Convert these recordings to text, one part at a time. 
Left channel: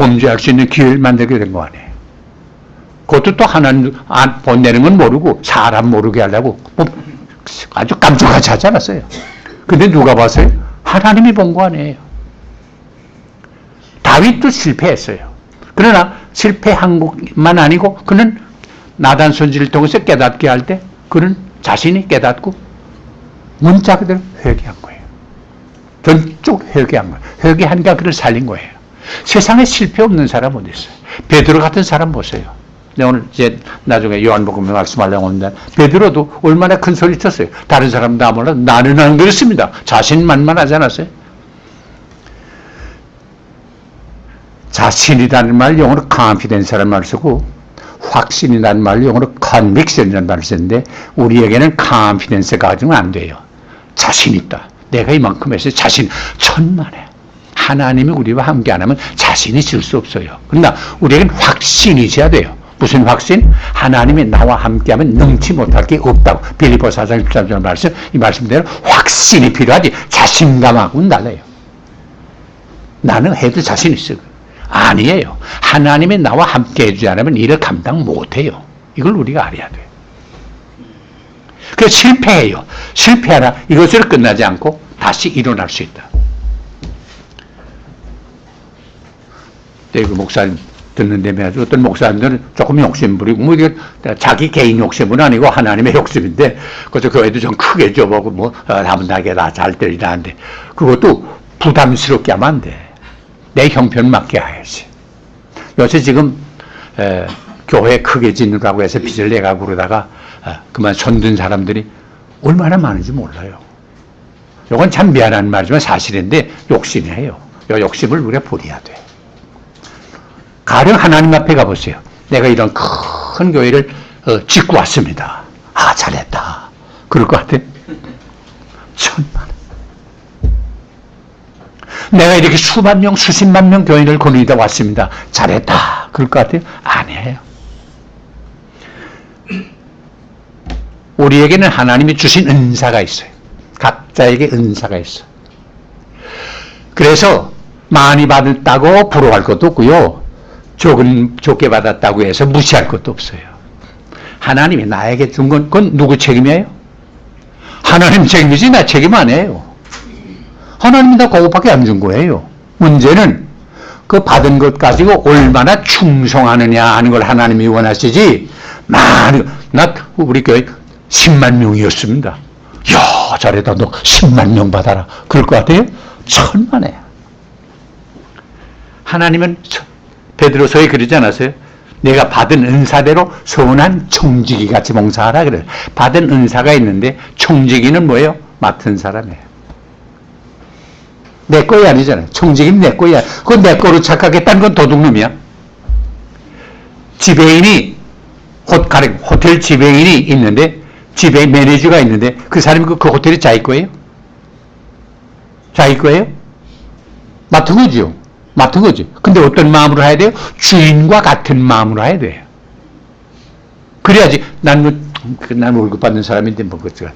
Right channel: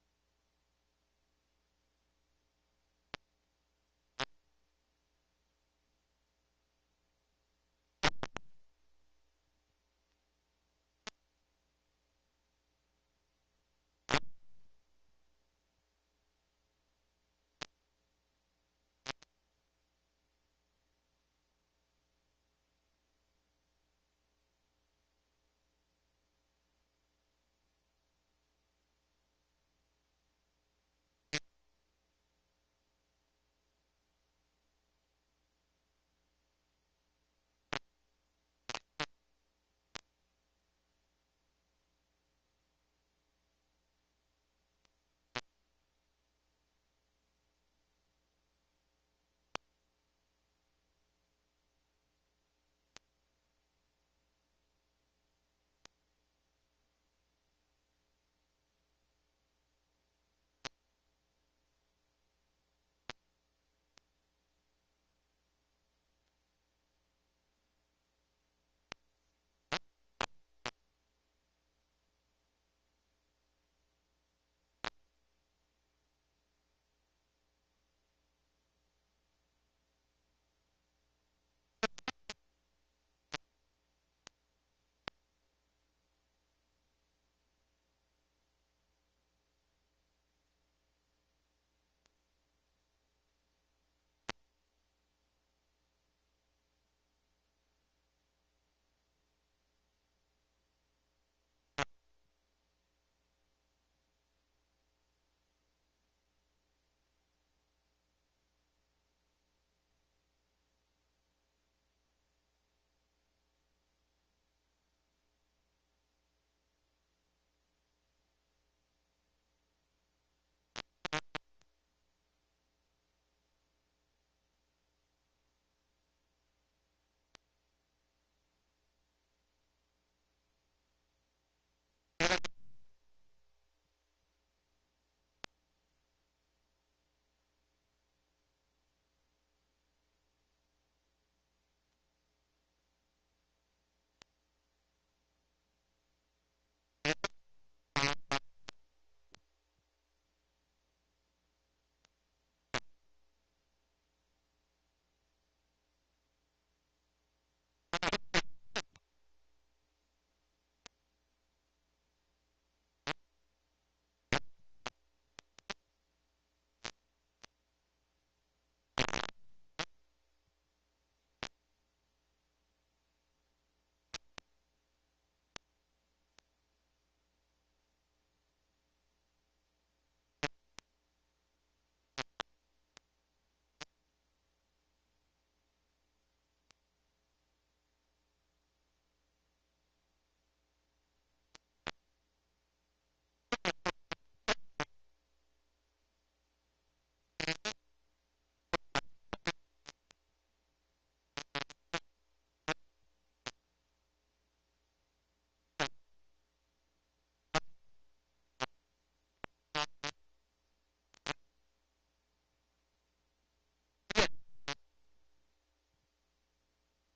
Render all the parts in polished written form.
범죄할 수 있는 기회를 만들게 된 거 아니에요. 그것도 또 하나님 보내는 건 모르고 사람 모르게 하려고 아주 깜짝같이 하지 않았어요. 근데 누가 봤어요? 하나님이 본 거 아니에요. 다윗도 실패했어요. 그러나 실패한 것만 아니고 그는 나단 선지를 통해서 깨닫게 할 때 그는 자신이 깨닫고 문자 그대로 회개한 거예요. 전적 회개한 거예요. 회개하니까 그를 살린 거예요. 세상에 실패 없는 사람 어디 있어요? 베드로 같은 사람 보세요. 오늘 이제 나중에 요한복음에 말씀하려고 하는데 베드로도 얼마나 큰 소리 쳤어요. 다른 사람 다 몰라도 나는 안 그렇습니다. 자신만만하지 않았어요? 자신이라는 말 영어로 confidence라는 말을 쓰고 확신이라는 말 영어로 conviction이라는 말을 쓰는데 우리에게는 confidence 가지고는 안 돼요. 자신 있다. 내가 이만큼 했어요. 자신 천만에. 하나님이 우리와 함께 안 하면 자신이 있을 수 없어요. 그러나 우리에게는 확신이 있어야 돼요. 무슨 확신? 하나님이 나와 함께하면 능치 못할 게 없다고. 빌립보 4장 13절 말씀, 이 말씀대로 확신이 필요하지 자신감하고는 달라요. 나는 해도 자신 있어. 아니에요. 하나님이 나와 함께 해주지 않으면 일을 감당 못해요. 이걸 우리가 알아야 돼요. 그래서 실패해요. 실패하라. 이것으로 끝나지 않고 다시 일어날 수 있다. 그 목사님 듣는데 매주 어떤 목사님들은 조금 욕심부리고 뭐 이게 자기 개인 욕심은 아니고 하나님의 욕심인데 그래서 교회도 좀 크게 줘보고 뭐 하면 나게 다 잘 되리라 하는데 그것도 부담스럽게 하면 안 돼. 내 형편 맞게 해야지. 요새 지금 교회 크게 짓는다고 해서 빚을 내가고 그러다가 그만 손든 사람들이 얼마나 많은지 몰라요. 이건 참 미안한 말이지만 사실인데 욕심이에요. 이 욕심을 우리가 버려야 돼. 가령 하나님 앞에 가보세요. 내가 이런 큰 교회를 짓고 왔습니다. 아, 잘했다. 그럴 것 같아? 천만. 내가 이렇게 수만 명, 수십만 명 교인을 거느리다 왔습니다. 잘했다. 그럴 것 같아요? 아니에요. 우리에게는 하나님이 주신 은사가 있어요. 각자에게 은사가 있어요. 그래서 많이 받았다고 부러워할 것도 없고요. 적게 받았다고 해서 무시할 것도 없어요. 하나님이 나에게 준 건 그건 누구 책임이에요? 하나님 책임이지 나 책임 아니에요. 하나님이 다 그것밖에 안 준 거예요. 문제는 그 받은 것 가지고 얼마나 충성하느냐 하는 걸 하나님이 원하시지. 나 우리 교회 10만 명이었습니다. 야, 잘했다. 너 10만 명 받아라. 그럴 것 같아요? 천만에. 하나님은 베드로서에 그러지 않았어요? 내가 받은 은사대로 선한 청지기 같이 봉사하라 그래요. 받은 은사가 있는데 청지기는 뭐예요? 맡은 사람이에요. 내 거이 아니잖아요. 청지기는 내 거야. 그건 내 거로 착각했다는 건 도둑놈이야. 지배인이 호텔 지배인이 있는데 지배인 매니저가 있는데 그 사람이 그 호텔이 자기 거예요? 자기 거예요? 맡은 거죠. 맡은 거지. 근데 어떤 마음으로 해야 돼요? 주인과 같은 마음으로 해야 돼요. 그래야지, 난 월급 받는 사람인데,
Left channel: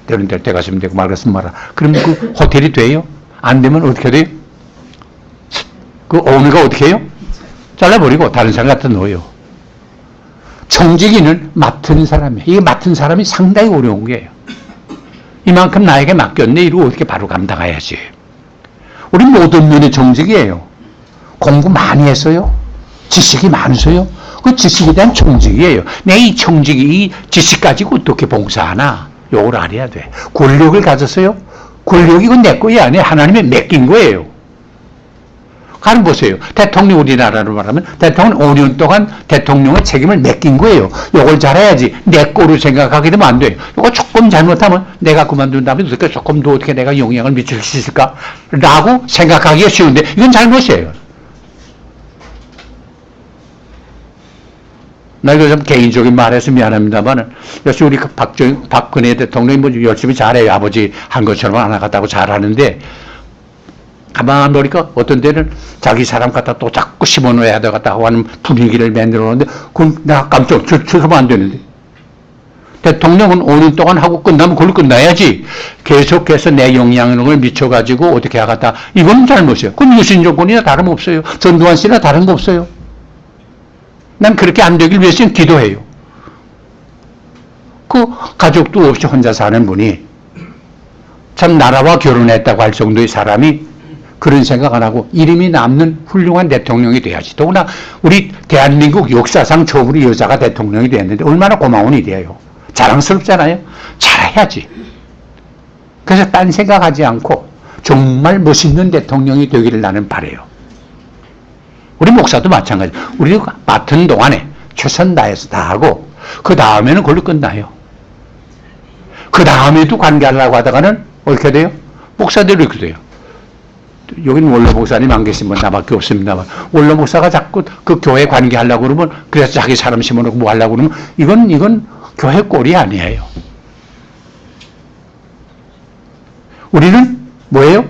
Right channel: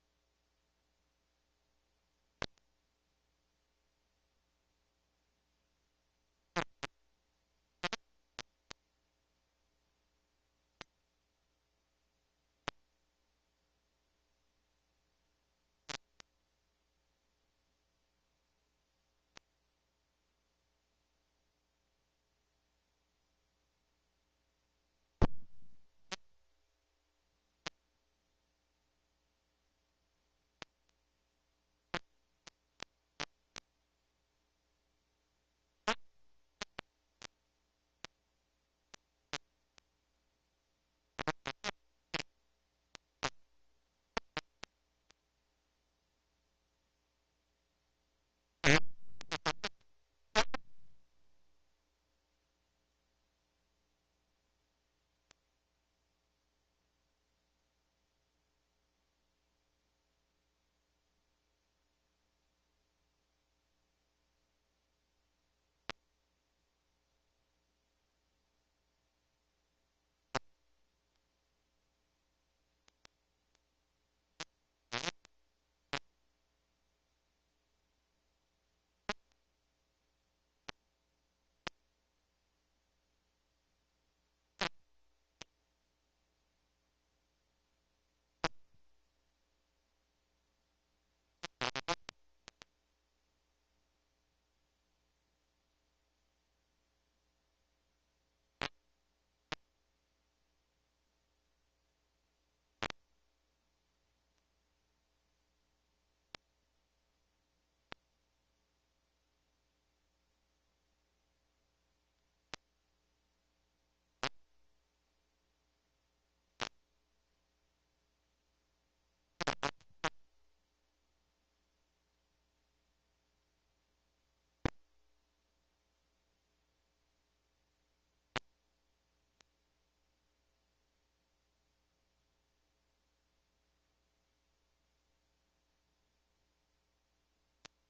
되는 대로 돼가시면 되고, 말았으면 말아. 그럼 그 호텔이 돼요? 안 되면 어떻게 돼요? 그 오너가 어떻게 해요? 잘라버리고 다른 사람 갖다 넣어요. 청지기는 맡은 사람이에요. 이게 맡은 사람이 상당히 어려운 거예요. 이만큼 나에게 맡겼네. 이러고 어떻게 바로 감당해야지. 우리 모든 면의 청직이에요. 공부 많이 했어요? 지식이 많으세요? 그 지식에 대한 청직이에요. 내 이 청직이, 이 지식 가지고 어떻게 봉사하나? 요걸 알아야 돼. 권력을 가졌어요? 권력이 이건 내 거야. 아니에요. 하나님이 맡긴 거예요. 가령 보세요. 대통령 우리나라로 말하면 대통령 5년 동안 대통령의 책임을 맡긴 거예요. 요걸 잘해야지. 내 거로 생각하게 되면 안 돼요. 요거 조금 잘못하면 내가 그만둔 다음에 어떻게 조금 더 어떻게 내가 영향을 미칠 수 있을까? 라고 생각하기가 쉬운데 이건 잘못이에요. 나 이거 좀 개인적인 말해서 미안합니다만 역시 우리 박근혜 대통령이 뭐 열심히 잘해요. 아버지 한 것처럼 안 하겠다고 잘하는데 가만 보니까 어떤 때는 자기 사람 갖다 또 자꾸 심어놓아야 되겠다고 하는 분위기를 만들어 놓는데 그럼 내가 깜짝 쳐서면 안 되는데 대통령은 5년 동안 하고 끝나면 그걸로 끝나야지. 계속해서 내 영향력을 미쳐가지고 어떻게 하겠다. 이건 잘못이에요. 그건 유신 조건이나 다름없어요. 전두환 씨나 다른 거 없어요. 난 그렇게 안 되길 위해서는 기도해요. 그 가족도 없이 혼자 사는 분이 참 나라와 결혼했다고 할 정도의 사람이 그런 생각 안 하고 이름이 남는 훌륭한 대통령이 돼야지. 더구나 우리 대한민국 역사상 처음으로 여자가 대통령이 됐는데 얼마나 고마운 일이에요. 자랑스럽잖아요. 잘해야지. 그래서 딴 생각하지 않고 정말 멋있는 대통령이 되기를 나는 바라요. 우리 목사도 마찬가지. 우리가 맡은 동안에 최선 다해서 다 하고 그 다음에는 그걸로 끝나요. 그 다음에도 관계하려고 하다가는 어떻게 돼요? 목사들이 이렇게 돼요. 여기는 원로 목사님 안 계신 분 나밖에 없습니다만 원로 목사가 자꾸 그 교회 관계하려고 그러면 그래서 자기 사람 심어놓고 뭐 하려고 그러면 이건 교회 꼴이 아니에요. 우리는 뭐예요?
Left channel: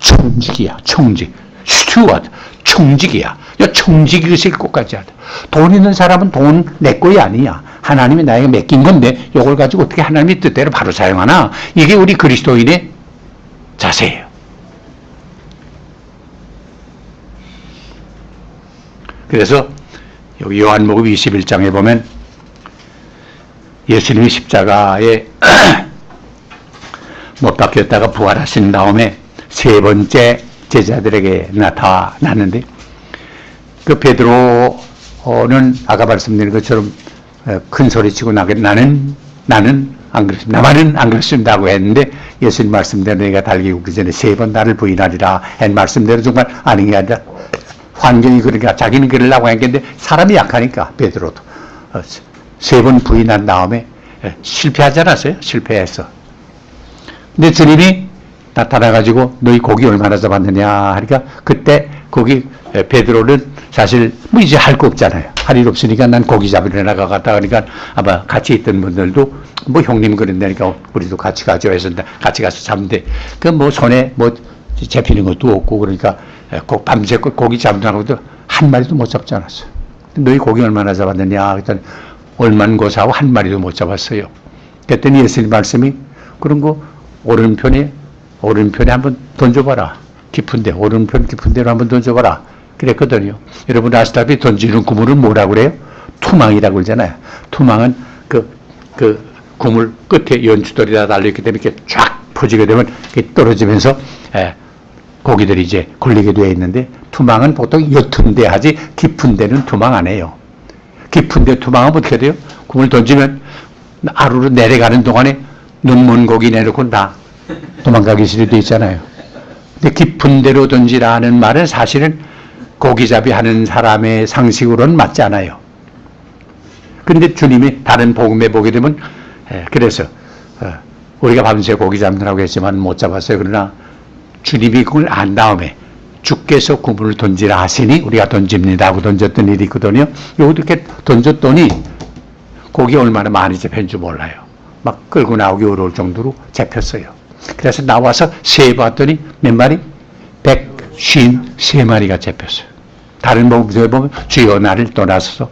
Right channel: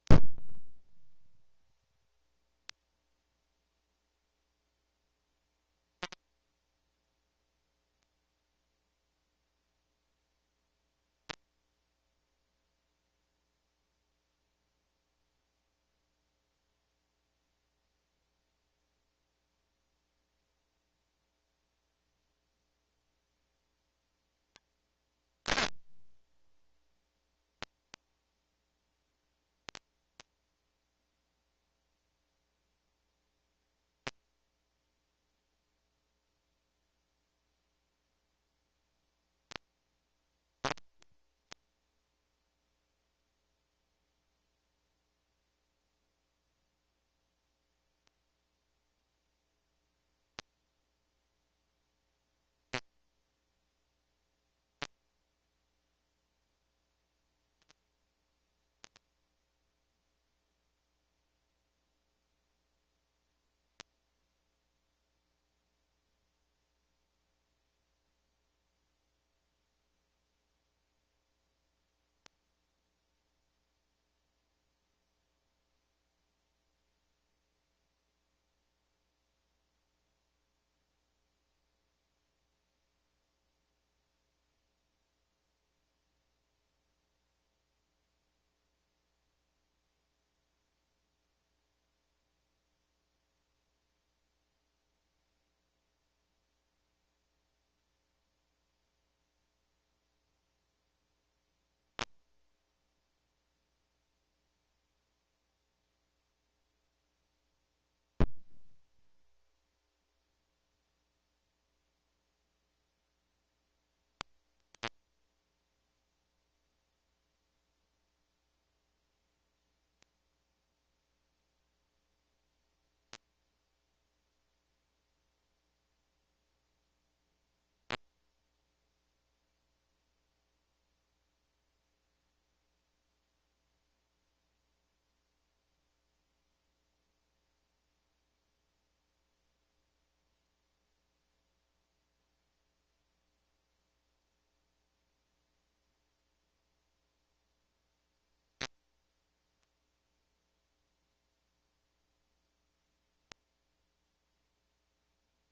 청직이야. 청직. 스튜어드. 청직이야. 청직의식을 꼭 가져야 돼. 돈 있는 사람은 돈 내 거이 아니야. 하나님이 나에게 맡긴 건데 이걸 가지고 어떻게 하나님의 뜻대로 바로 사용하나. 이게 우리 그리스도인의 자세예요. 그래서 여기 요한복음 21장에 보면 예수님이 십자가에 못 박혔다가 부활하신 다음에 세 번째 제자들에게 나타났는데 그 베드로는 아까 말씀드린 것처럼 큰 소리치고 나는 안 그렇습니다. 나만은 안 그렇습니다 하고 했는데 예수님 말씀대로 내가 달기 굽기 전에 세 번 나를 부인하리라 한 말씀대로 정말 아닌 게 아니라 환경이 그러니까 자기는 그러려고 했는데 사람이 약하니까 베드로도 세 번 부인한 다음에 실패하지 않았어요? 실패했어. 근데 주님이 나타나가지고 너희 고기 얼마나 잡았느냐 하니까 그때 거기 베드로는 사실 뭐 이제 할 거 없잖아요. 할 일 없으니까 난 고기 잡으러 나가갔다 그러니까 아마 같이 있던 분들도 뭐 형님 그런다니까 우리도 같이 가죠 해서 같이 가서 잡는데 그 뭐 손에 뭐 잡히는 것도 없고 그러니까 꼭 밤새껏 고기 잡느라고도 한 마리도 못 잡지 않았어요. 너희 고기 얼마나 잡았느냐 그랬더니 얼만 고사하고 한 마리도 못 잡았어요. 그랬더니 예수님 말씀이 그런 거 오른편에 한번 던져봐라. 깊은데 오른편 깊은 데로 한번 던져봐라. 그랬거든요. 여러분 아시다시피 던지는 구물은 뭐라고 그래요? 투망이라고 그러잖아요. 투망은 그 구물 끝에 연주돌이 달려있기 때문에 이렇게 쫙 퍼지게 되면 이렇게 떨어지면서 고기들이 이제 걸리게 되어 있는데 투망은 보통 옅은 데 하지 깊은 데는 투망 안 해요. 깊은 데 투망하면 어떻게 돼요? 구물 던지면 아래로 내려가는 동안에 눈먼 고기 내놓고 다 도망가기 싫게 있잖아요. 근데 깊은 데로 던지라는 말은 사실은 고기잡이 하는 사람의 상식으로는 맞지 않아요. 그런데 주님이 다른 복음에 보게 되면 그래서 우리가 밤새 고기 잡느라고 했지만 못 잡았어요. 그러나 주님이 그걸 안 다음에 주께서 구물을 던지라 하시니 우리가 던집니다 하고 던졌던 일이 있거든요. 이렇게 던졌더니 고기 얼마나 많이 잡힌 줄 몰라요. 막 끌고 나오기 어려울 정도로 잡혔어요. 그래서 나와서 세봤더니 몇 마리? 153마리가 잡혔어요. 다른 복음서에 보면 주여 나를 떠나서서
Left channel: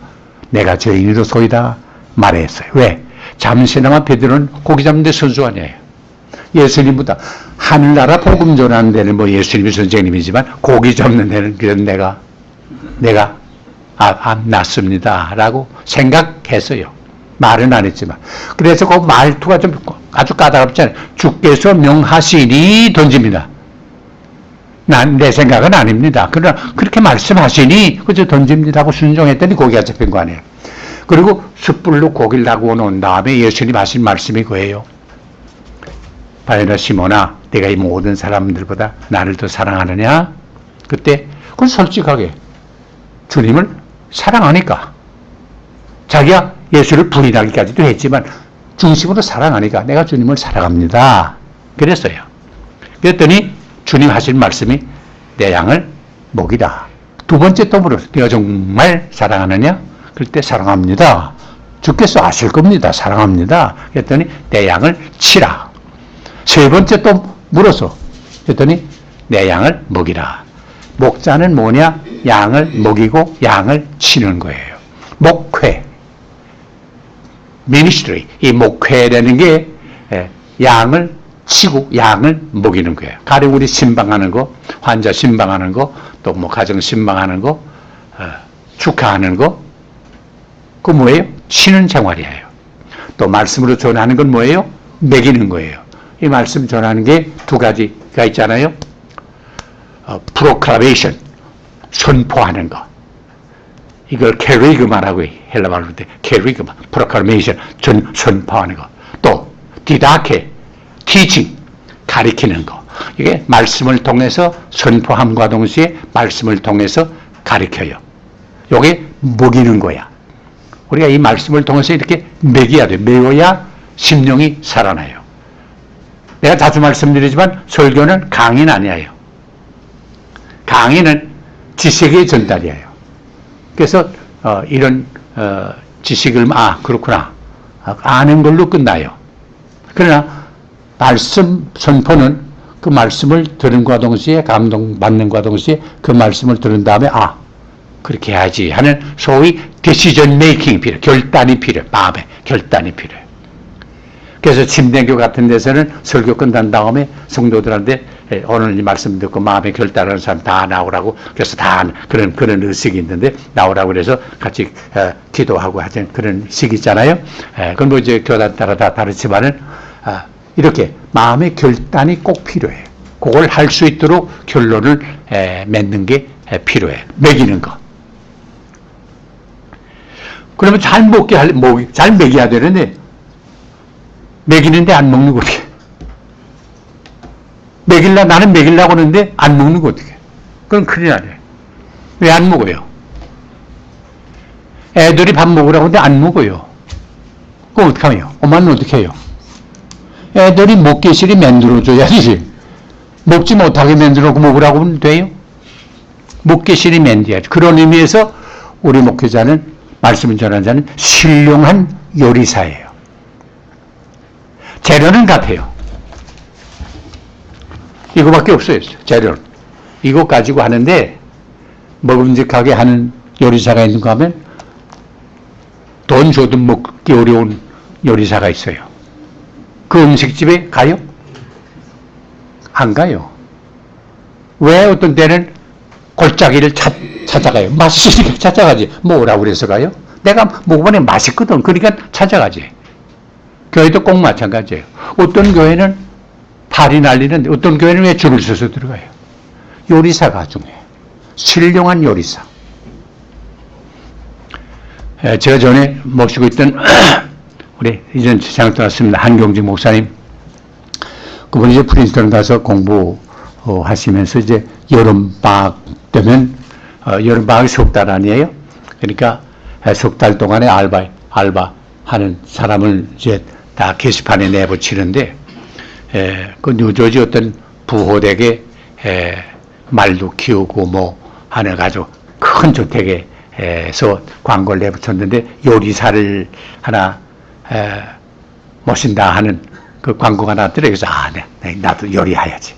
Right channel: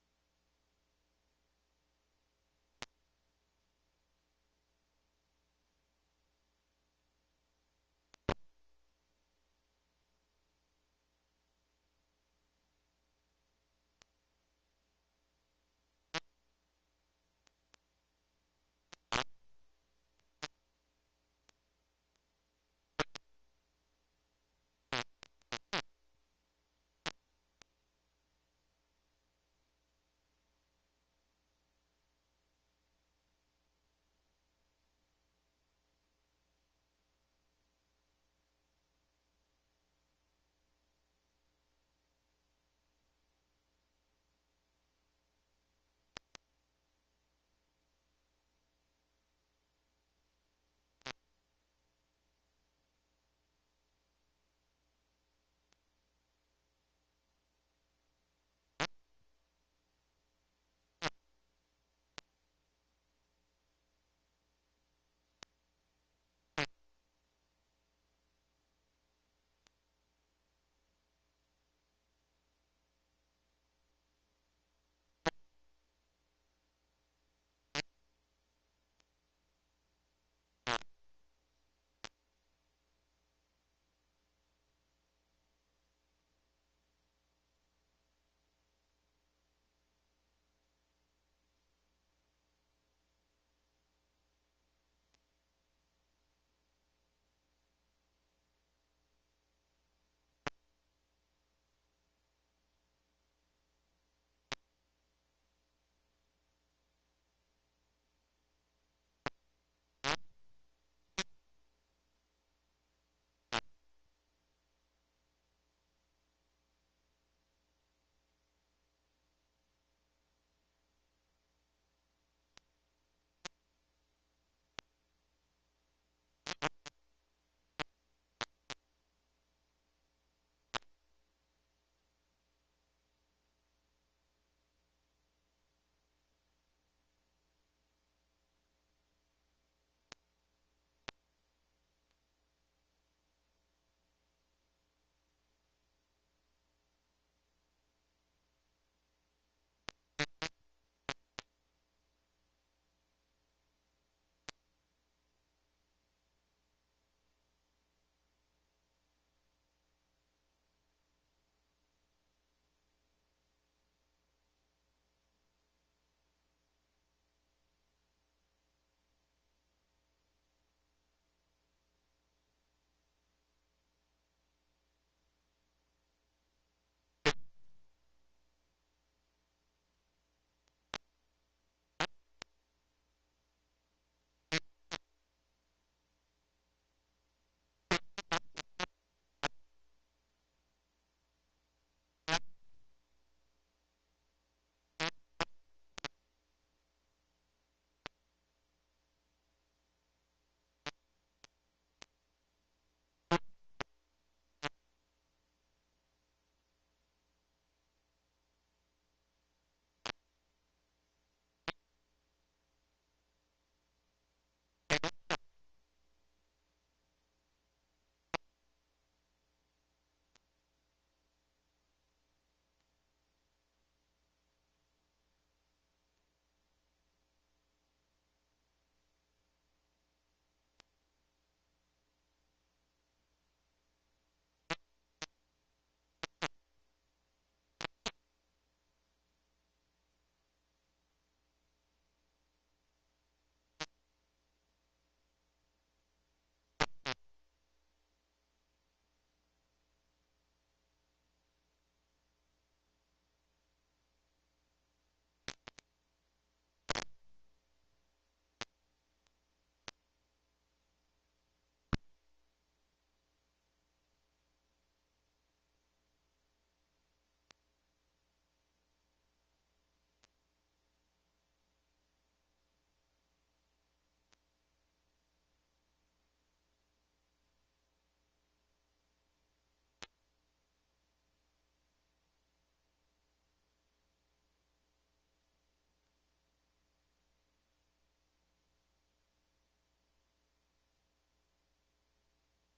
내가 죄인으로소이다 말했어요. 왜? 잠시나마 베드로는 고기 잡는 데 선수 아니에요. 예수님보다 하늘나라 복음 전하는 데는 뭐 예수님이 선생님이지만 고기 잡는 데는 그런 내가 낫습니다 라고 생각했어요. 말은 안 했지만. 그래서 그 말투가 좀 아주 까다롭잖아요. 주께서 명하시니 던집니다. 내 생각은 아닙니다. 그러나 그렇게 말씀하시니 그저 던집니다 하고 순종했더니 고기가 잡힌 거 아니에요. 그리고 숯불로 고기를 하고 놓은 다음에 예수님 하신 말씀이 그예요. 바요나 시몬아 내가 이 모든 사람들보다 나를 더 사랑하느냐? 그때 그건 솔직하게 주님을 사랑하니까 자기가 예수를 부인하기까지도 했지만 중심으로 사랑하니까 내가 주님을 사랑합니다. 그랬어요. 그랬더니 주님 하신 말씀이 내 양을 먹이라. 두 번째 또 물었어요. 내가 정말 사랑하느냐? 그럴 때 사랑합니다. 주께서 아실 겁니다. 사랑합니다. 그랬더니 내 양을 치라. 세 번째 또 물어서 그랬더니 내 양을 먹이라. 목자는 뭐냐? 양을 먹이고 양을 치는 거예요. 목회. ministry, 이 목회라는 게 양을 치고 양을 먹이는 거예요. 가령 우리 신방하는 거, 환자 신방하는 거, 또 뭐 가정 신방하는 거, 축하하는 거, 그거 뭐예요? 쉬는 생활이에요. 또 말씀으로 전하는 건 뭐예요? 먹이는 거예요. 이 말씀 전하는 게 두 가지가 있잖아요. proclamation, 선포하는 거. 이걸 캐리그마라고 해. 헬라 말로 할 때 캐리그마, proclamation, 선포하는 거. 또 디다케, teaching, 가리키는 거. 이게 말씀을 통해서 선포함과 동시에 말씀을 통해서 가리켜요. 이게 먹이는 거야. 우리가 이 말씀을 통해서 이렇게 먹여야 돼. 먹어야 심령이 살아나요. 내가 자주 말씀드리지만 설교는 강의는 아니에요. 강의는 지식의 전달이에요. 그래서 이런 지식을 그렇구나 아는 걸로 끝나요. 그러나 말씀 선포는 그 말씀을 들은과 동시에 감동받는과 동시에 그 말씀을 들은 다음에 그렇게 해야지 하는 소위 decision making 필요해. 결단이 필요해. 마음에 결단이 필요해. 그래서 침례교 같은 데서는 설교 끝난 다음에 성도들한테 오늘 이 말씀 듣고 마음에 결단하는 사람 다 나오라고, 그래서 다 그런 의식이 있는데 나오라고 그래서 같이 기도하고 하는 그런 식이 있잖아요. 그건 뭐 이제 교단 따라 다 다르지만은 이렇게 마음의 결단이 꼭 필요해. 그걸 할 수 있도록 결론을 맺는 게 필요해. 먹이는 거. 그러면 잘 먹여야 되는데 먹이는데 안 먹는 거 어떻게? 나는 먹이려고 하는데 안 먹는 거 어떻게? 그럼 큰일 나네. 왜 안 먹어요? 애들이 밥 먹으라고 하는데 안 먹어요. 그럼 어떡하면? 엄마는 어떻게 해요? 애들이 먹기실이 만들어줘야지. 먹지 못하게 만들어 먹으라고 하면 돼요? 먹기실이 만들어야지. 그런 의미에서 우리 목회자는, 말씀을 전하는 자는 신령한 요리사예요. 재료는 같아요. 이거밖에 없어요. 재료는. 이거 가지고 하는데 먹음직하게 하는 요리사가 있는가 하면 돈 줘도 먹기 어려운 요리사가 있어요. 그 음식집에 가요? 안 가요. 왜 어떤 때는 골짜기를 찾아가요? 맛있으니까 찾아가지. 뭐라고 그래서 가요? 내가 먹어보니 맛있거든. 그러니까 찾아가지. 교회도 꼭 마찬가지예요. 어떤 교회는 팔이 날리는데 어떤 교회는 왜 줄을 서서 들어가요? 요리사가 중요해요. 신령한 요리사. 제가 전에 모시고 있던 우리 이전 세상 떠났습니다. 한경직 목사님. 그분이 이제 프린스턴 가서 공부하시면서 이제 여름방학 되면 여름방학이 석 달 아니에요? 그러니까 석 달 동안에 알바하는 사람을 이제 다 게시판에 내붙이는데, 그 뉴저지 어떤 부호댁에 말도 키우고 뭐 하는 아주 큰 주택에서 광고를 내붙였는데 요리사를 하나 모신다 하는 그 광고가 나왔더래요. 그래서 네, 나도 요리해야지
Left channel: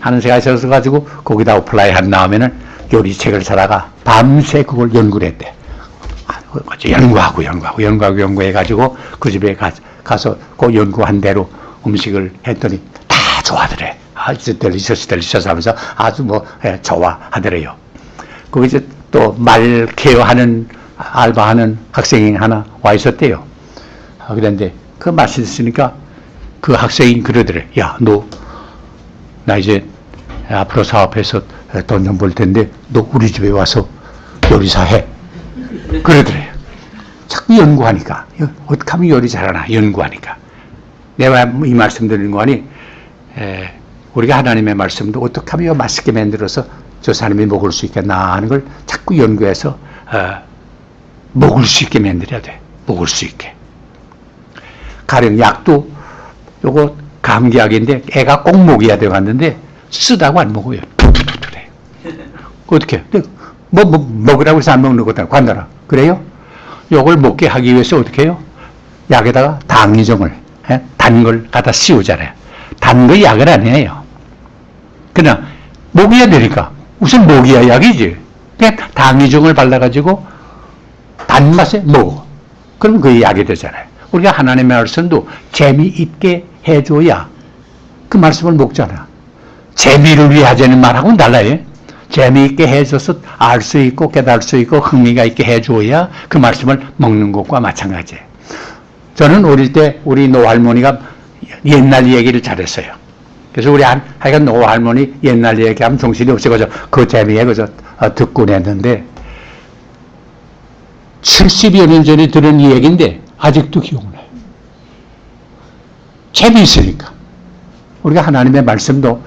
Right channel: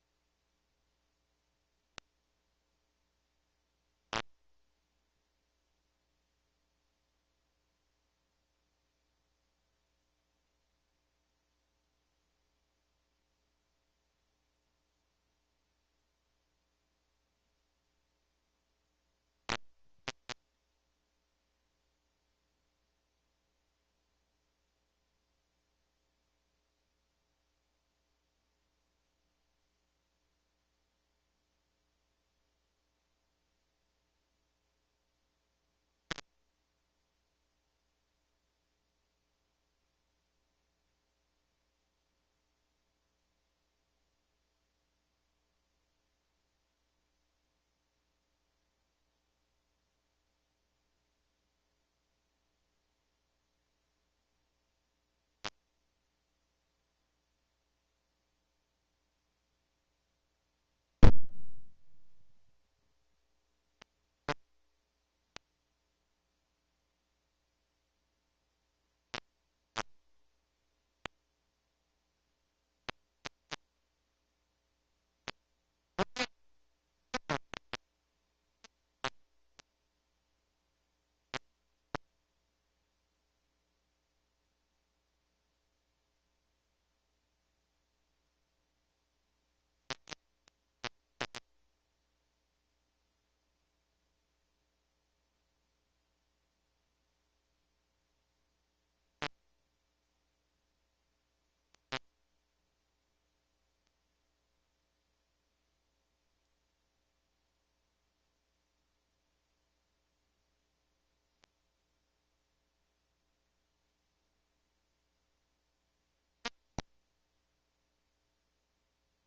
하는 생각이 있어가지고 거기다 어플라이 한 다음에는 요리책을 사다가 밤새 그걸 연구를 했대. 연구해가지고 그 집에 가서 그 연구한 대로 음식을 했더니 다 좋아하더래. 아주 델리셔스 하면서 아주 좋아하더래요. 거기 이제 또 말 케어하는 알바하는 학생이 하나 와 있었대요. 그런데 그 맛있으니까 그 학생이 그러더래. 야, 나 이제 앞으로 사업해서 돈 좀 벌 텐데 너 우리 집에 와서 요리사 해. 그러더래요. 자꾸 연구하니까. 어떻게 하면 요리 잘하나 연구하니까. 내가 이 말씀 드리는 거 아니, 우리가 하나님의 말씀도 어떻게 하면 맛있게 만들어서 저 사람이 먹을 수 있겠나 하는 걸 자꾸 연구해서 먹을 수 있게 만들어야 돼. 먹을 수 있게. 가령 약도 요거 감기약인데 애가 꼭 먹여야 돼 갔는데 쓰다고 안 먹어요. 툭툭툭툭해. 어떻게? 먹으라고 해서 안 먹는 것도 관둬라. 그래요? 요걸 먹게 하기 위해서 어떻게 해요? 약에다가 당이종을, 단 걸 갖다 씌우잖아요. 단 거 약은 아니에요. 그냥 먹여야 되니까. 우선 먹여야 약이지. 그냥 당이종을 발라가지고 단맛에 먹어. 그럼 그게 약이 되잖아요. 우리가 하나님의 말씀도 재미있게 해줘야 그 말씀을 먹잖아. 재미를 위해 하자는 말하고는 달라요. 재미있게 해줘서 알 수 있고 깨달을 수 있고 흥미가 있게 해줘야 그 말씀을 먹는 것과 마찬가지예요. 저는 어릴 때 우리 노할머니가 옛날 얘기를 잘했어요. 그래서 우리 하여간 노할머니 옛날 얘기하면 정신이 없어서 그 재미에 그저 듣곤 했는데 70여 년 전에 들은 이 얘기인데 아직도 기억나요. 재미있으니까. 우리가 하나님의 말씀도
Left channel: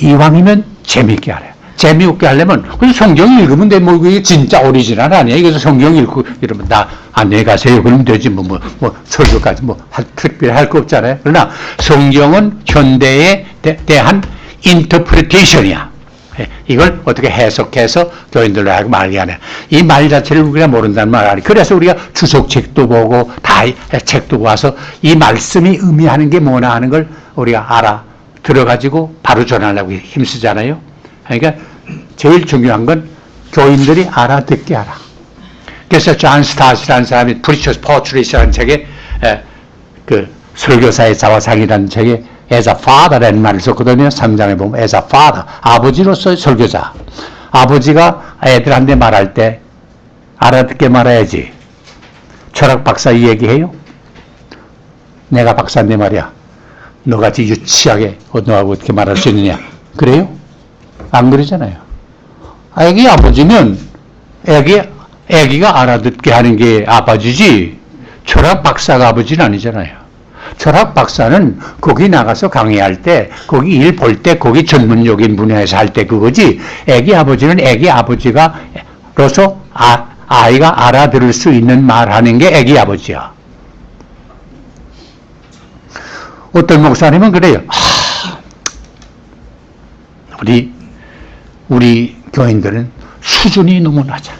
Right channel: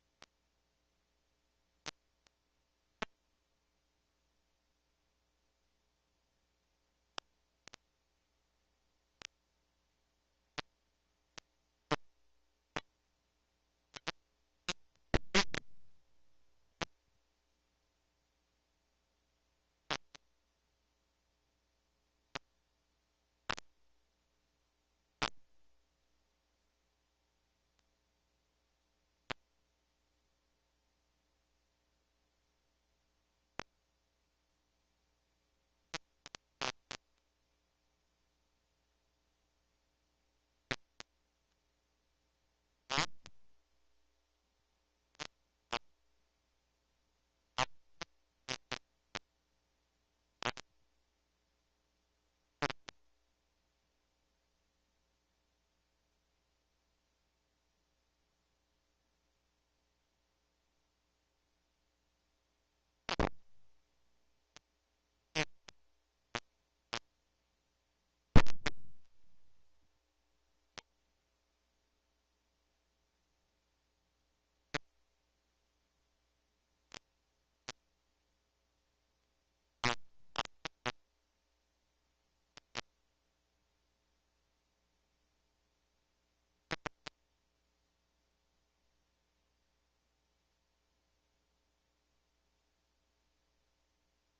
이왕이면 재미있게 하래요. 재미없게 하려면 그래서 성경 읽으면 돼. 뭐 이게 진짜 오리지널 아니야. 이래서 성경 읽고 이러면 나 안녕히 가세요. 그러면 되지. 뭐 설교까지 특별히 할 거 없잖아요. 그러나 성경은 현대에 대한 인터프리테이션이야. 이걸 어떻게 해석해서 교인들로 하고 말게 하냐. 이 말 자체를 우리가 모른다는 말 아니. 그래서 우리가 주석책도 보고 다 책도 와서 이 말씀이 의미하는 게 뭐나 하는 걸 우리가 알아 들어가지고 바로 전하려고 힘쓰잖아요. 그러니까 제일 중요한 건 교인들이 알아듣게 하라. 그래서 존 스타시라는 사람이 Preacher's Portrait이라는 책에 그 설교사의 자화상이라는 책에 as a father라는 말을 썼거든요. 3장에 보면 as a father, 아버지로서의 설교자. 아버지가 애들한테 말할 때 알아듣게 말해야지. 철학 박사 이 얘기해요? 내가 박사인데 말이야. 너같이 유치하게 너하고 어떻게 말할 수 있느냐. 그래요? 안 그러잖아요. 애기 아버지면 애기가 알아듣게 하는 게 아버지지 철학 박사가 아버지는 아니잖아요. 철학 박사는 거기 나가서 강의할 때 거기 일 볼 때 거기 전문적인 분야에서 할 때 그거지 애기 아버지는 애기 아버지가로서 아이가 알아들을 수 있는 말하는 게 애기 아버지야. 어떤 목사님은 그래요. 우리 교인들은 수준이 너무 낮아.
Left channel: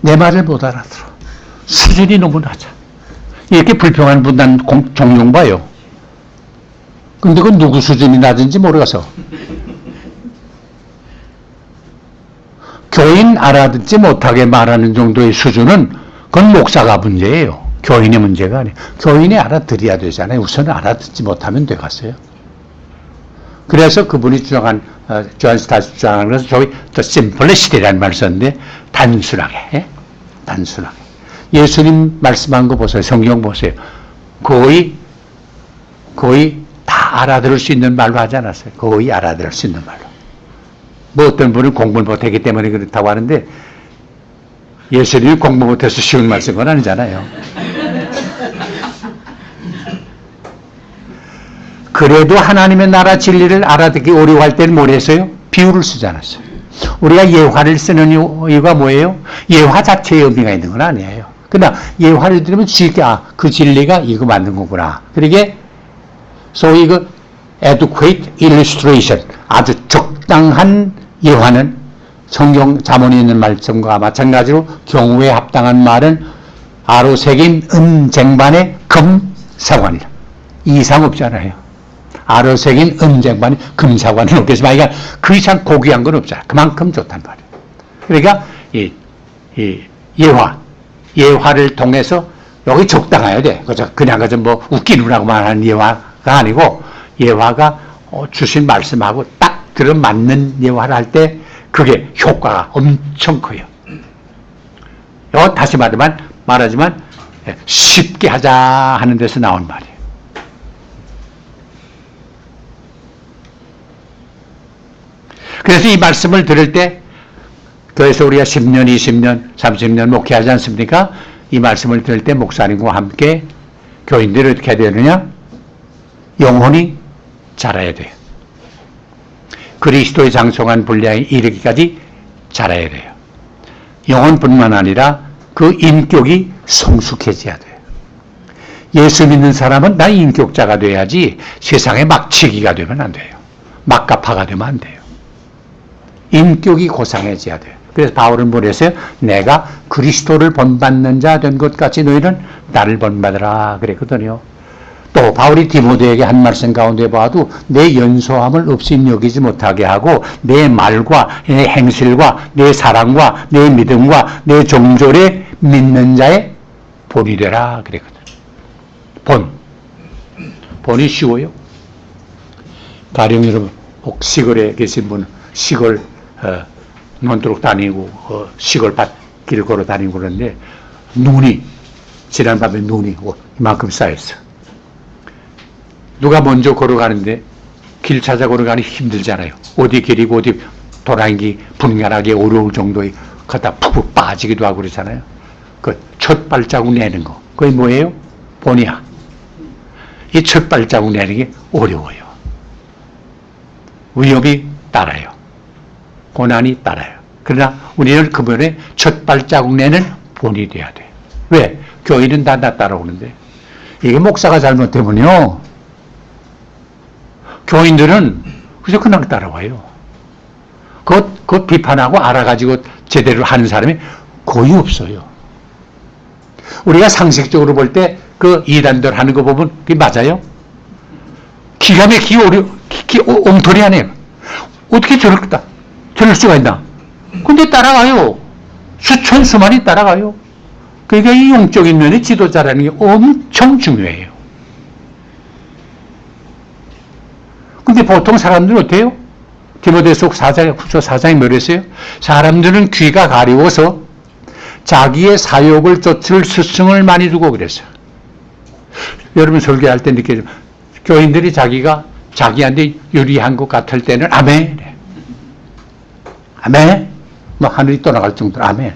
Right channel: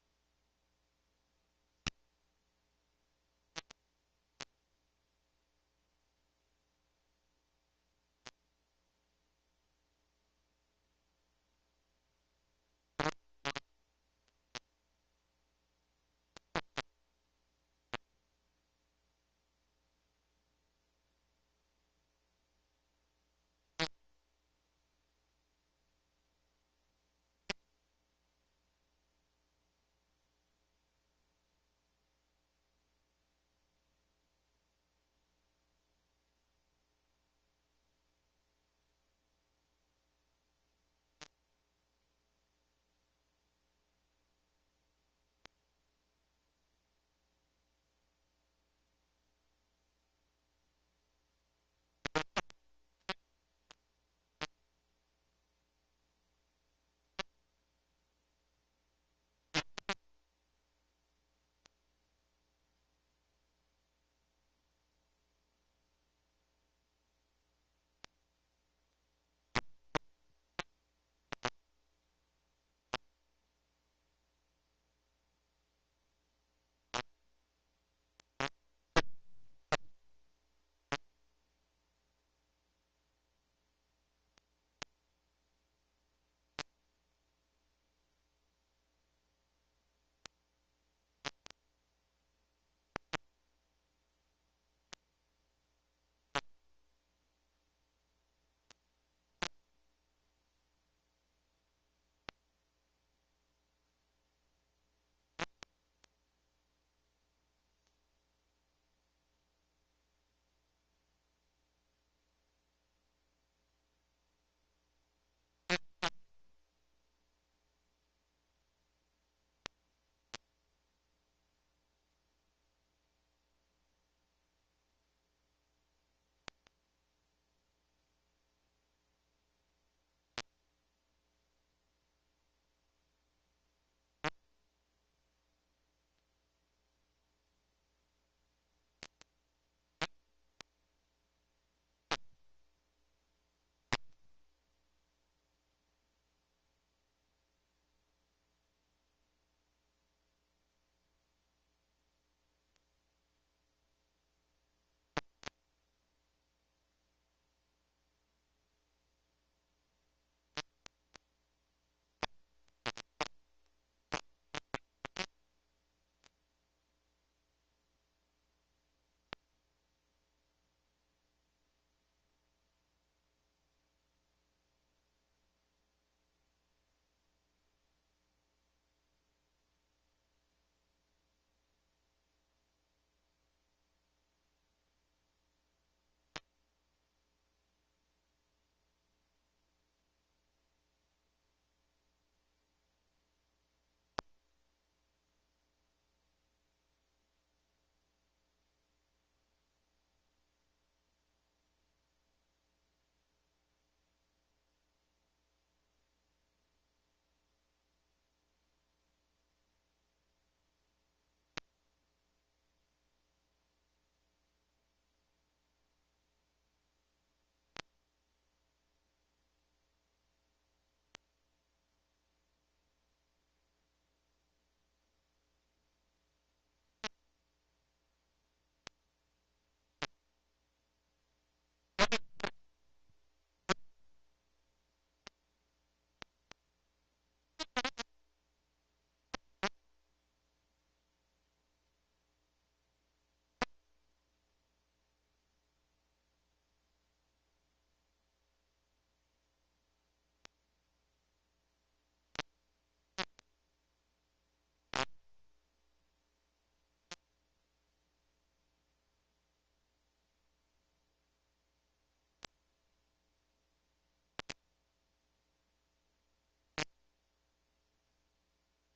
내 말을 못 알아들어. 수준이 너무 낮아. 이렇게 불평하는 분 난 종종 봐요. 근데 그건 누구 수준이 낮은지 모르겠어. 교인 알아듣지 못하게 말하는 정도의 수준은 그건 목사가 문제예요. 교인의 문제가 아니에요. 교인이 알아들어야 되잖아요. 우선 알아듣지 못하면 되겠어요. 그래서 그분이 주장한 존 스타시 주장하는 것은 저기 더 심플리시티라는 말을 썼는데 단순하게 단순하게 예수님 말씀한 거 보세요. 성경 보세요. 거의 다 알아들을 수 있는 말로 하지 않았어요. 거의 알아들을 수 있는 말로. 뭐 어떤 분은 공부를 못했기 때문에 그렇다고 하는데 예수님이 공부 못해서 쉬운 말 쓴 건 아니잖아요. 그래도 하나님의 나라 진리를 알아듣기 어려워할 때는 뭘 했어요? 비유를 쓰지 않았어요. 우리가 예화를 쓰는 이유가 뭐예요? 예화 자체에 의미가 있는 건 아니에요. 그러나 예화를 들으면 쉽게 그 진리가 이거 맞는 거구나. 그러게 소위 그 adequate illustration, 아주 적당한 예화는 성경 자문에 있는 말씀과 마찬가지로 경우에 합당한 말은 아로 새긴 쟁반의 금사관이라. 이상 없잖아요. 아로 새긴 쟁반에 금사관은 없겠지만 그러니까 그 이상 고귀한 건 없잖아요. 그만큼 좋단 말이에요. 그러니까 예화를 통해서 여기 적당해야 돼. 그냥 뭐 웃기느라고 말하는 예화가 아니고 예화가 주신 말씀하고 딱 들어맞는 예화를 할 때 그게 효과가 엄청 커요. 다시 말하지만 쉽게 하자 하는 데서 나온 말이에요. 그래서 이 말씀을 들을 때 교회에서 우리가 10년, 20년, 30년 목회하지 않습니까? 이 말씀을 들을 때 목사님과 함께 교인들이 어떻게 해야 되느냐? 영혼이 자라야 돼요. 그리스도의 장성한 분량에 이르기까지 자라야 돼요. 영혼뿐만 아니라 그 인격이 성숙해져야 돼요. 예수 믿는 사람은 나 인격자가 돼야지 세상에 막치기가 되면 안 돼요. 막가파가 되면 안 돼요. 인격이 고상해져야 돼요. 그래서 바울은 뭐랬어요? 내가 그리스도를 본받는 자 된 것 같이 너희는 나를 본받으라 그랬거든요. 또 바울이 디모데에게 한 말씀 가운데 봐도 내 연소함을 없이 여기지 못하게 하고 내 말과 내 행실과 내 사랑과 내 믿음과 내 종졸에 믿는 자의 본이 되라 그랬거든. 본. 본이 쉬워요. 가령 여러분 혹 시골에 계신 분 시골 논두룩 다니고 시골 밭길 걸어 다니고 그러는데 눈이 지난밤에 눈이 이만큼 쌓였어. 누가 먼저 걸어가는데 길 찾아 걸어가니 힘들잖아요. 어디 길이고 어디 돌아다니기 분간하기 어려울 정도의 갖다 푹푹 빠지기도 하고 그러잖아요. 그 첫 발자국 내는 거 그게 뭐예요? 본이야. 이 첫 발자국 내는 게 어려워요. 위협이 따라요. 고난이 따라요. 그러나 우리는 그분의 첫 발자국 내는 본이 돼야 돼. 왜? 교인은 다 따라오는데 이게 목사가 잘못되면요 교인들은 그래서 그냥 따라와요. 그것 비판하고 알아가지고 제대로 하는 사람이 거의 없어요. 우리가 상식적으로 볼 때 그 이단들 하는 거 보면 그게 맞아요? 기가 막히게 엉터리 하네요. 어떻게 저럴 수가 있나? 근데 따라가요. 수천 수만이 따라가요. 그러니까 이 영적인 면의 지도자라는 게 엄청 중요해요. 근데 보통 사람들은 어때요? 디모데후서 4장에 뭐랬어요? 사람들은 귀가 가리워서 자기의 사욕을 쫓을 스승을 많이 두고 그랬어요. 여러분 설교할 때 느껴져. 교인들이 자기가 자기한테 유리한 것 같을 때는 아멘. 아멘. 뭐 하늘이 떠나갈 정도로 아멘.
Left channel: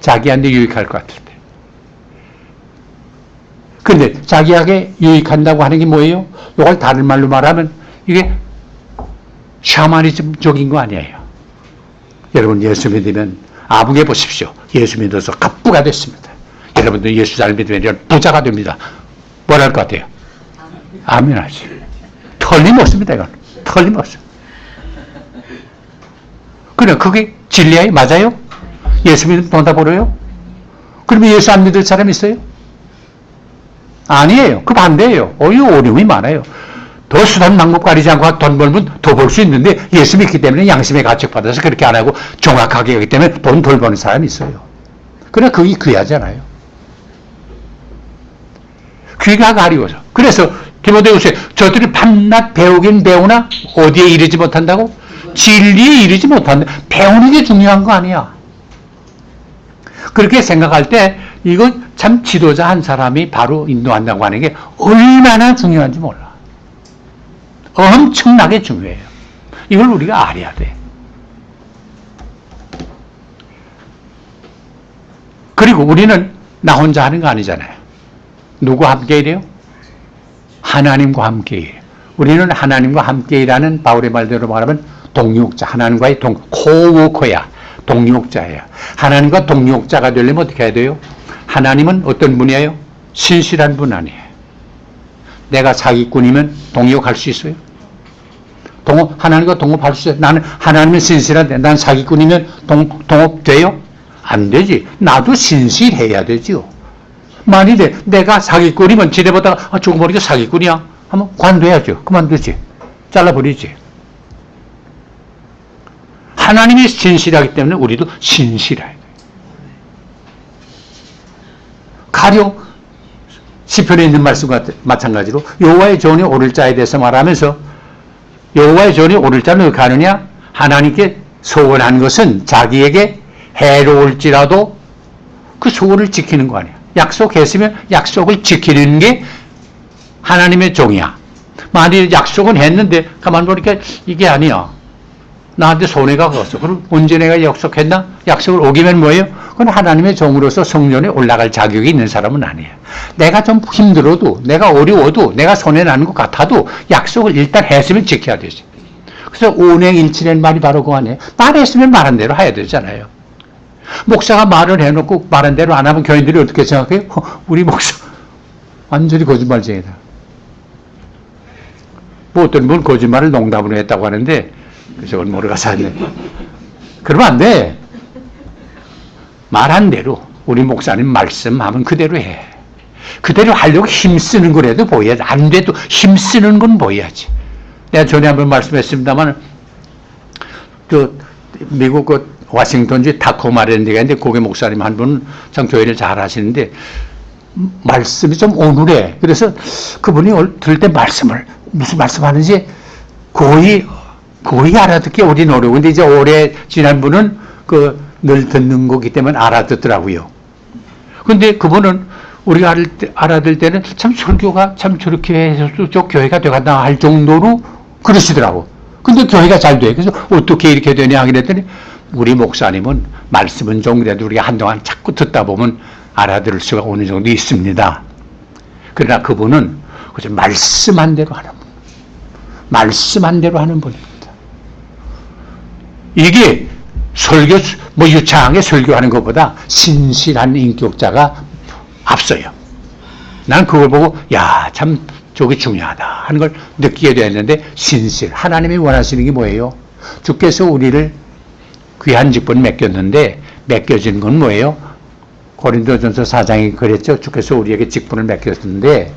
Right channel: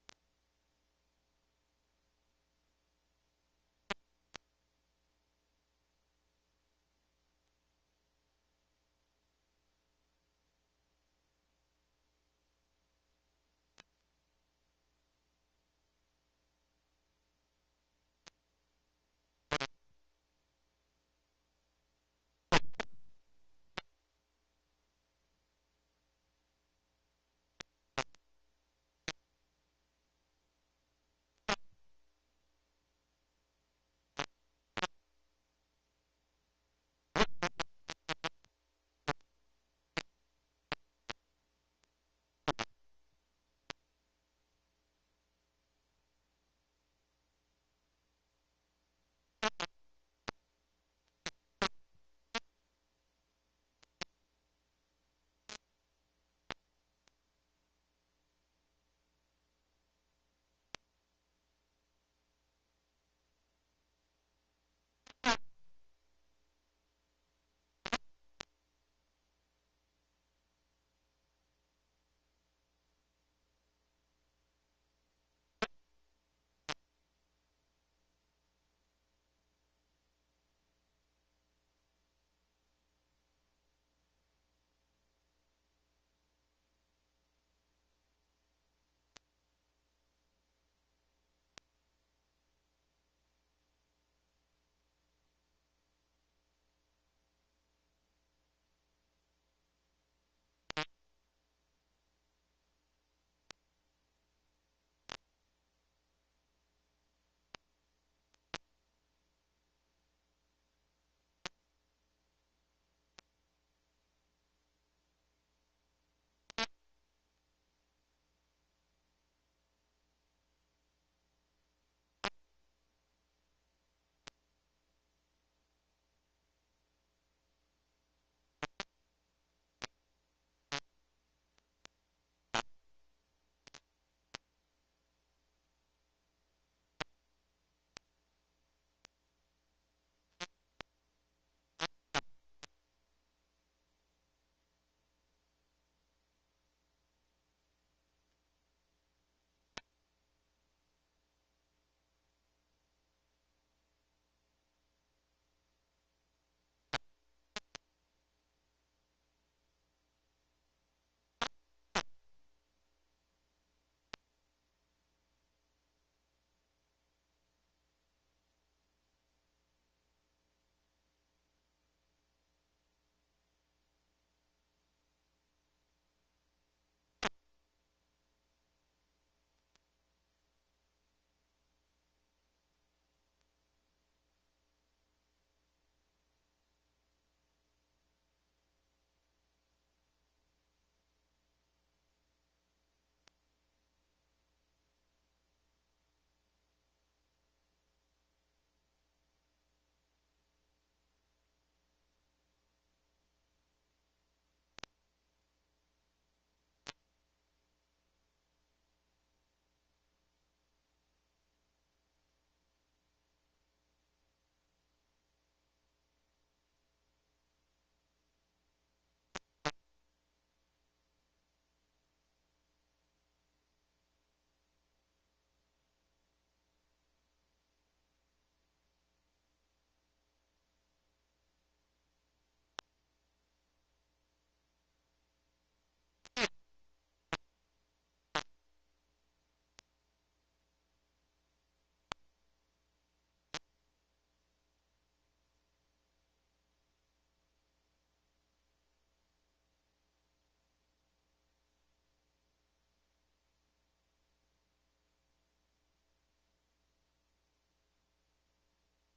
자기한테 유익할 것 같을 때. 근데 자기에게 유익한다고 하는 게 뭐예요? 이걸 다른 말로 말하면 이게 샤머니즘적인 거 아니에요. 여러분 예수 믿으면 아부게 보십시오. 예수 믿어서 갑부가 됐습니다. 여러분들 예수 잘 믿으면 부자가 됩니다. 뭘 할 것 같아요? 아멘 하지. 틀림없습니다. 이건 틀림없어. 그래 그게 진리예요? 맞아요? 예수 믿으면 돈 다 벌어요? 그러면 예수 안 믿을 사람 있어요? 아니에요. 그 반대예요. 어려움이 많아요. 더 수단 방법 가리지 않고 돈 벌면 더 벌 수 있는데 예수 믿기 때문에 양심의 가책받아서 그렇게 안 하고 정확하게 하기 때문에 돈 덜 버는 사람이 있어요. 그러나 그게 귀하잖아요. 귀가 가리워서. 그래서 디모데후서에 저들이 밤낮 배우긴 배우나 어디에 이르지 못한다고? 진리에 이르지 못한다. 배우는 게 중요한 거 아니야. 그렇게 생각할 때 이건 참 지도자 한 사람이 바로 인도한다고 하는 게 얼마나 중요한지 몰라. 엄청나게 중요해요. 이걸 우리가 알아야 돼. 그리고 우리는 나 혼자 하는 거 아니잖아요. 누구와 함께 일해요? 하나님과 함께 일해요. 우리는 하나님과 함께 일하는 바울의 말대로 말하면 동역자, 하나님과의 코워커야. 동역자예요. 하나님과 동역자가 되려면 어떻게 해야 돼요? 하나님은 어떤 분이에요? 신실한 분 아니에요. 내가 사기꾼이면 동역할 수 있어요? 하나님과 동업할 수 있어요? 나는 하나님은 신실한데 난 사기꾼이면 동업돼요? 안 되지. 나도 신실해야 되죠. 만일에 내가 사기꾼이면 지내보다가 조금 모르게 사기꾼이야 하면 관둬야죠. 그만두지. 잘라버리지. 하나님이 신실하기 때문에 우리도 신실해야 돼요. 가령 시편에 있는 말씀과 마찬가지로 여호와의 전이 오를 자에 대해서 말하면서 여호와의 전이 오를 자는 어떻게 하느냐? 하나님께 소원한 것은 자기에게 해로울지라도 그 소원을 지키는 거 아니야. 약속했으면 약속을 지키는 게 하나님의 종이야. 만일 약속은 했는데 가만 보니까 이게 아니야. 나한테 손해가 갔어. 그럼 언제 내가 약속했나? 약속을 어기면 뭐예요? 그건 하나님의 종으로서 성전에 올라갈 자격이 있는 사람은 아니에요. 내가 좀 힘들어도, 내가 어려워도, 내가 손해나는 것 같아도 약속을 일단 했으면 지켜야 되지. 그래서 온행일치라는 말이 바로 그거 아니에요. 말했으면 말한 대로 해야 되잖아요. 목사가 말을 해놓고 말한 대로 안 하면 교인들이 어떻게 생각해요? 우리 목사 완전히 거짓말쟁이다. 뭐 어떤 분은 거짓말을 농담으로 했다고 하는데 그래서 그건 모르가서 하네. 그러면 안 돼. 말한 대로 우리 목사님 말씀하면 그대로 해. 그대로 하려고 힘쓰는 거라도 보여야지. 안 돼도 힘쓰는 건 보여야지. 내가 전에 한번 말씀했습니다만 미국 워싱턴주 타코마라는 데가 있는데 거기 목사님 한 분은 참 교회를 잘 하시는데 말씀이 좀 오늘해. 그래서 그분이 들을 때 말씀을 무슨 말씀하는지 거의 알아듣기 우리는 어려워. 근데 이제 오래 지난 분은 늘 듣는 거기 때문에 알아듣더라고요. 근데 그분은 우리가 알아들 때는 참 설교가 참 저렇게 해서 저 교회가 되겠나 할 정도로 그러시더라고. 근데 교회가 잘 돼. 그래서 어떻게 이렇게 되냐 그랬더니 우리 목사님은 말씀은 좀 그래도 우리가 한동안 자꾸 듣다 보면 알아들을 수가 어느 정도 있습니다. 그러나 그분은 그저 말씀한 대로 하는 분. 말씀한 대로 하는 분입니다. 이게 설교, 유창하게 설교하는 것보다 신실한 인격자가 앞서요. 난 그걸 보고, 야, 참, 저게 중요하다 하는 걸 느끼게 되었는데, 신실. 하나님이 원하시는 게 뭐예요? 주께서 우리를 귀한 직분 맡겼는데, 맡겨진 건 뭐예요? 고린도전서 4장이 그랬죠. 주께서 우리에게 직분을 맡겼는데,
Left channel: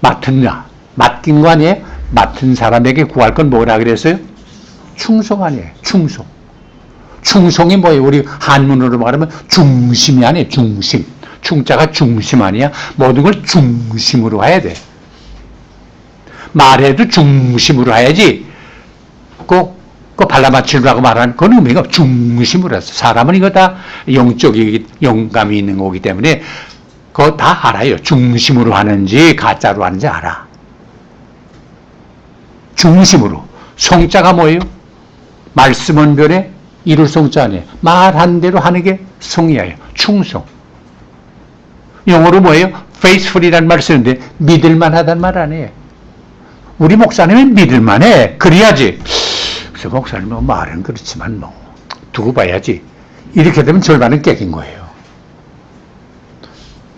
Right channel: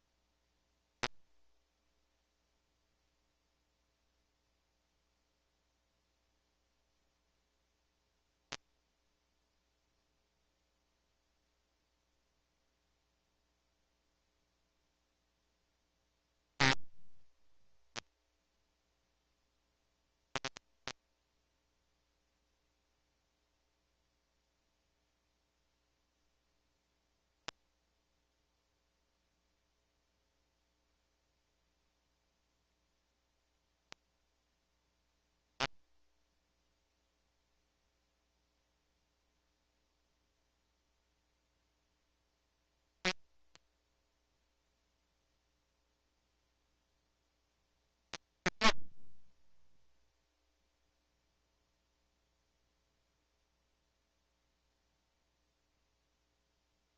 맡긴 거 아니에요? 맡은 사람에게 구할 건 뭐라 그랬어요? 충성 아니에요. 충성. 충성이 뭐예요? 우리 한문으로 말하면 중심이 아니에요. 중심. 충자가 중심 아니야? 모든 걸 중심으로 해야 돼. 말해도 중심으로 해야지. 발라맞추라고 말하는 그건 의미가 중심으로 해서. 사람은 이거 다 영감이 있는 거기 때문에 그거 다 알아요. 중심으로 하는지 가짜로 하는지 알아. 중심으로. 성자가 뭐예요? 말씀은 별에 이룰 성자 아니에요. 말한 대로 하는 게 성이에요. 충성. 영어로 뭐예요? faithful이라는 말을 쓰는데 믿을만하다는 말 아니에요. 우리 목사님은 믿을만해. 그래야지. 그래서 목사님은 말은 그렇지만 두고 봐야지. 이렇게 되면 절반은 깨긴 거예요.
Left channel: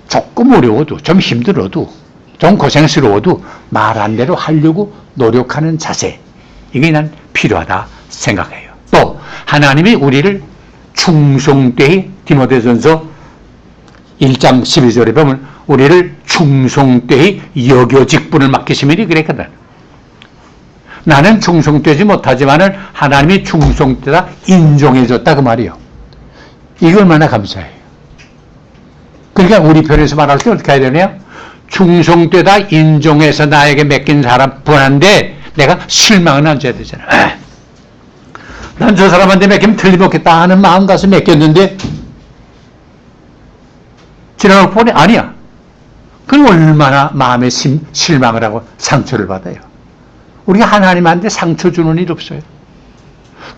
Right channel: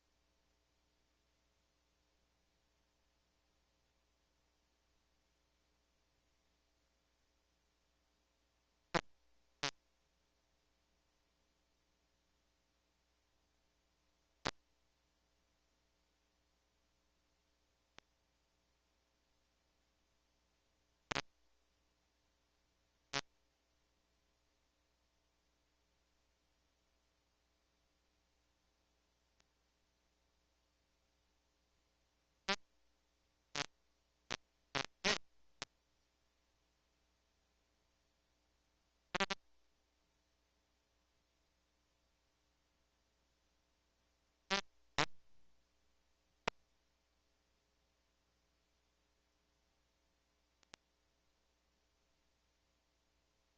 조금 어려워도 좀 힘들어도 좀 고생스러워도 말한 대로 하려고 노력하는 자세. 이게 난 필요하다 생각해요. 또 하나님이 우리를 충성되이 디모데전서 1장 12절에 보면 우리를 충성되이 여겨 직분을 맡기시면이 그랬거든. 나는 충성되지 못하지만은 하나님이 충성되다 인정해줬다 그 말이에요. 이거 얼마나 감사해요. 그러니까 우리 편에서 말할 때 어떻게 해야 되냐? 충성되다 인정해서 나에게 맡긴 사람 분한데 내가 실망은 안 줘야 되잖아. 난 저 사람한테 맡기면 틀림없겠다 하는 마음 가서 맡겼는데 지나고 보니 아니야. 그럼 얼마나 마음에 실망을 하고 상처를 받아요. 우리가 하나님한테 상처 주는 일 없어요.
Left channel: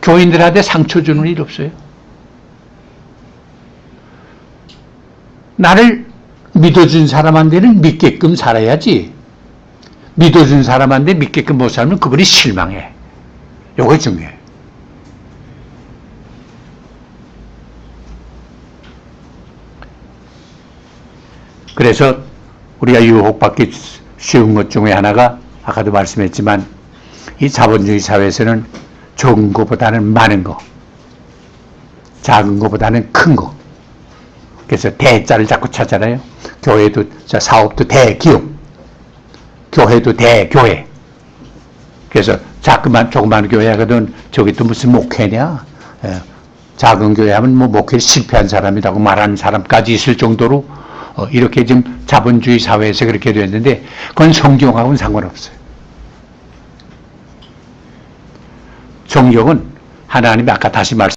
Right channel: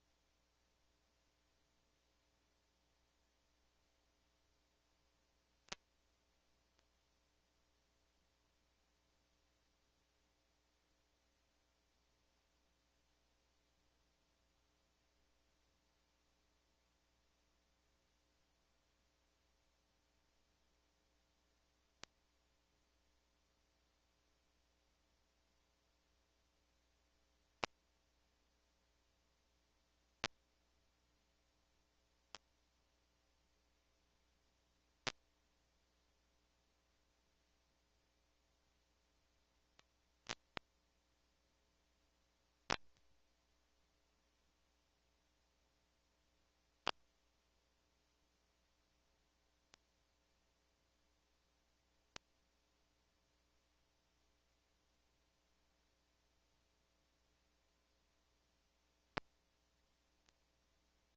교인들한테 상처 주는 일 없어요. 나를 믿어준 사람한테는 믿게끔 살아야지. 믿어준 사람한테 믿게끔 못 살면 그분이 실망해. 요거 중요해. 그래서 우리가 유혹받기 쉬운 것 중에 하나가 아까도 말씀했지만 이 자본주의 사회에서는 적은 것보다는 많은 거, 작은 것보다는 큰 거. 그래서 대자를 자꾸 찾잖아요. 교회도 사업도 대기업, 교회도 대교회. 그래서 조그만 교회 하거든 저기 또 무슨 목회냐. 작은 교회 하면 목회를 실패한 사람이라고 말하는 사람까지 있을 정도로 이렇게 지금 자본주의 사회에서 그렇게 됐는데 그건 성경하고는 상관없어요. 성경은 하나님이 아까 다시